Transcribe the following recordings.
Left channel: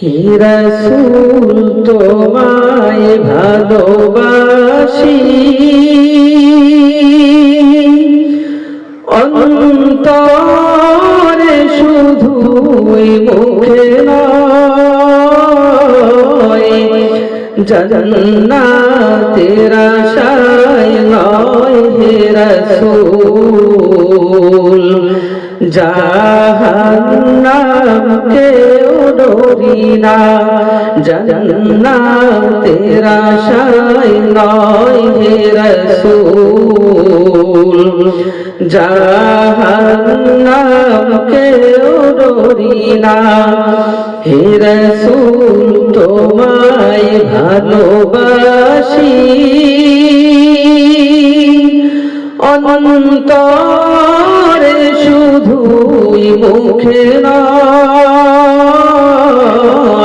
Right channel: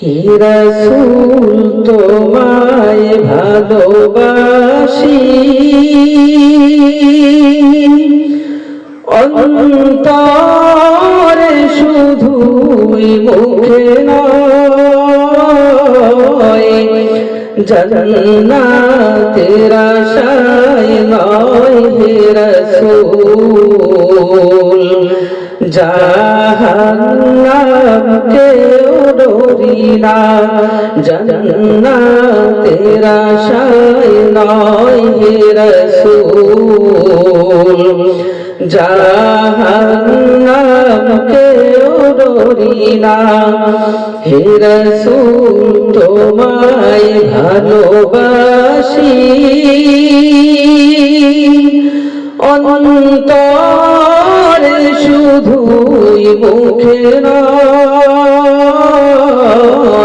হিরাসুল তোমায় ভালোবাসি। অন্তরে শুধুই মুখে নয় জন্নাতের আশায় নয় হে রসূল। ডরি না জন্নাতের আশায় নয় হে রসূল। জাহান্নাম কেউ ডরি না হে রসূল, তোমায় ভালোবাসি। অন্তরে শুধুই মুখে নয়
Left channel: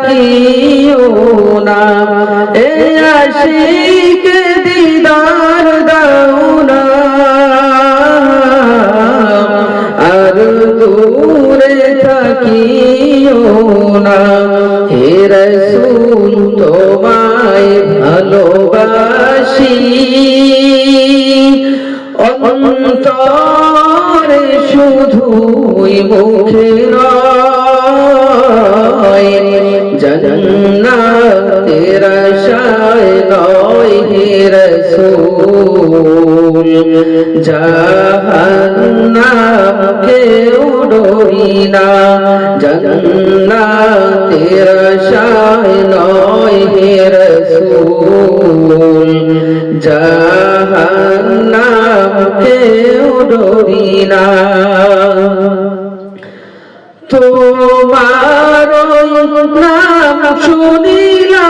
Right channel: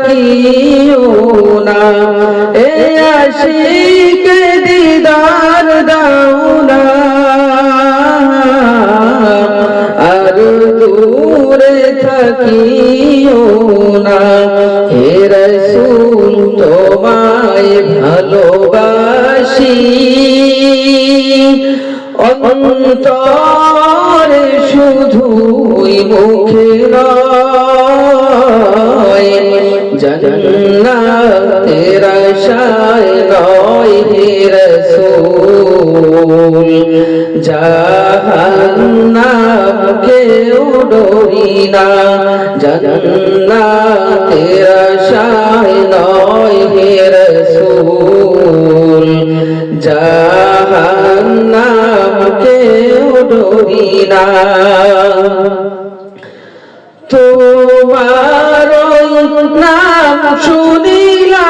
থাকিও না। এ আশিকে দিদার দাও না আর দূরে থাকিও না হে রসুল, তোমায় ভালোবাসি। অন্তরে শুধুই মুখে নয় জন্নাতের আশায় নয় হে রসূল জাহান্নাম কেউ ডরি না জন্নাতের আশায় নয় হে রসূল জাহান্নাম কেউ ডরি না। তোমার নাম শুনিলাম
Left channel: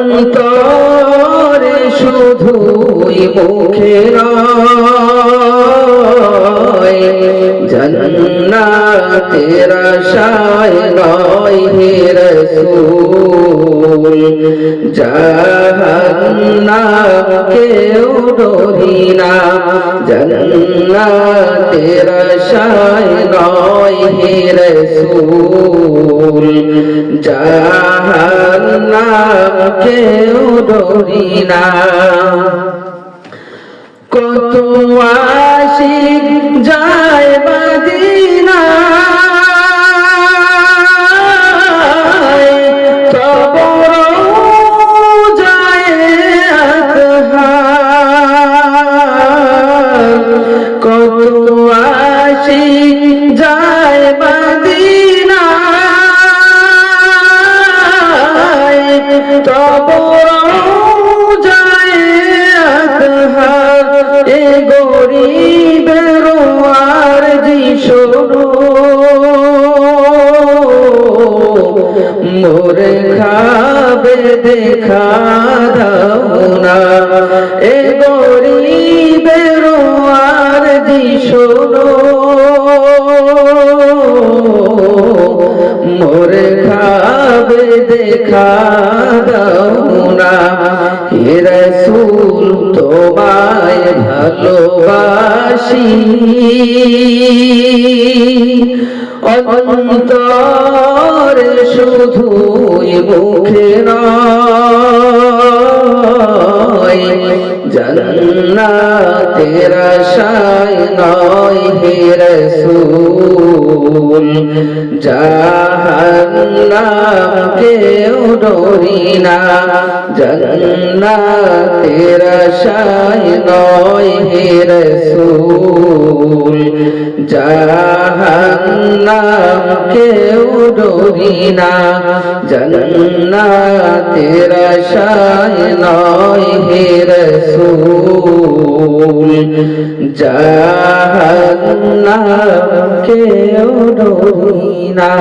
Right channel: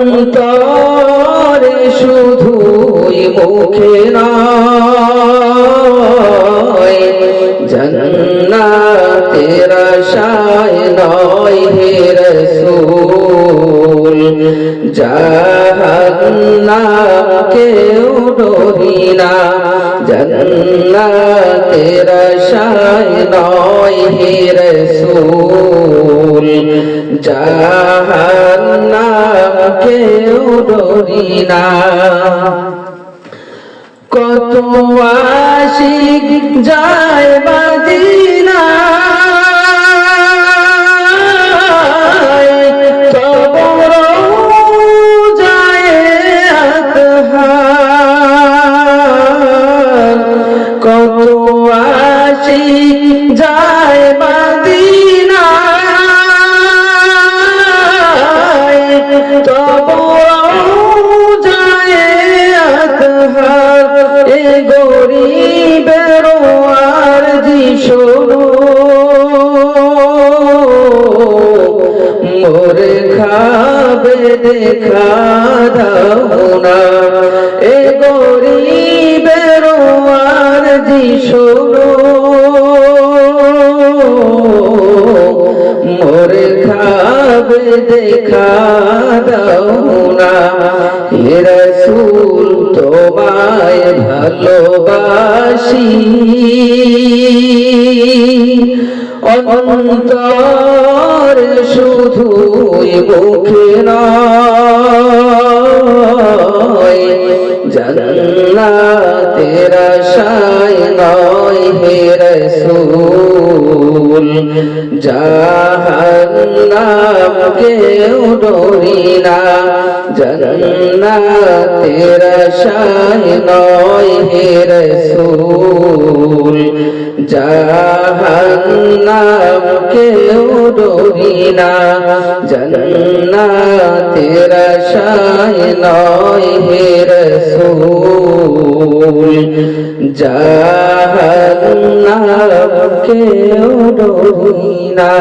অন্তরে শুধুই মুখে নয় জন্নাতের আশায় নয় হে রসূল। জাহান্নাম কেউ ডরি না। জন্নাতের আশায় নয় রসূল জাহান্নাম কেউ ডরি না। কত আশিক যায় বাদিনা যাবে দেখা দাও না। এ গরিবের আর জি শোনো মোরে খাবে দেখা অন্তর শুধুই মুখে নয়, জান্নাতের আশায় নয় হে রসুল জাহান্নাম কেউ ডরি না, জান্নাতের আশায় নয় হে রসুল জাহান্নাম কেউ ডরি না। জান্নাতের শায় নয় হে রসুল। জাহান্নাম কেউ ডরি না।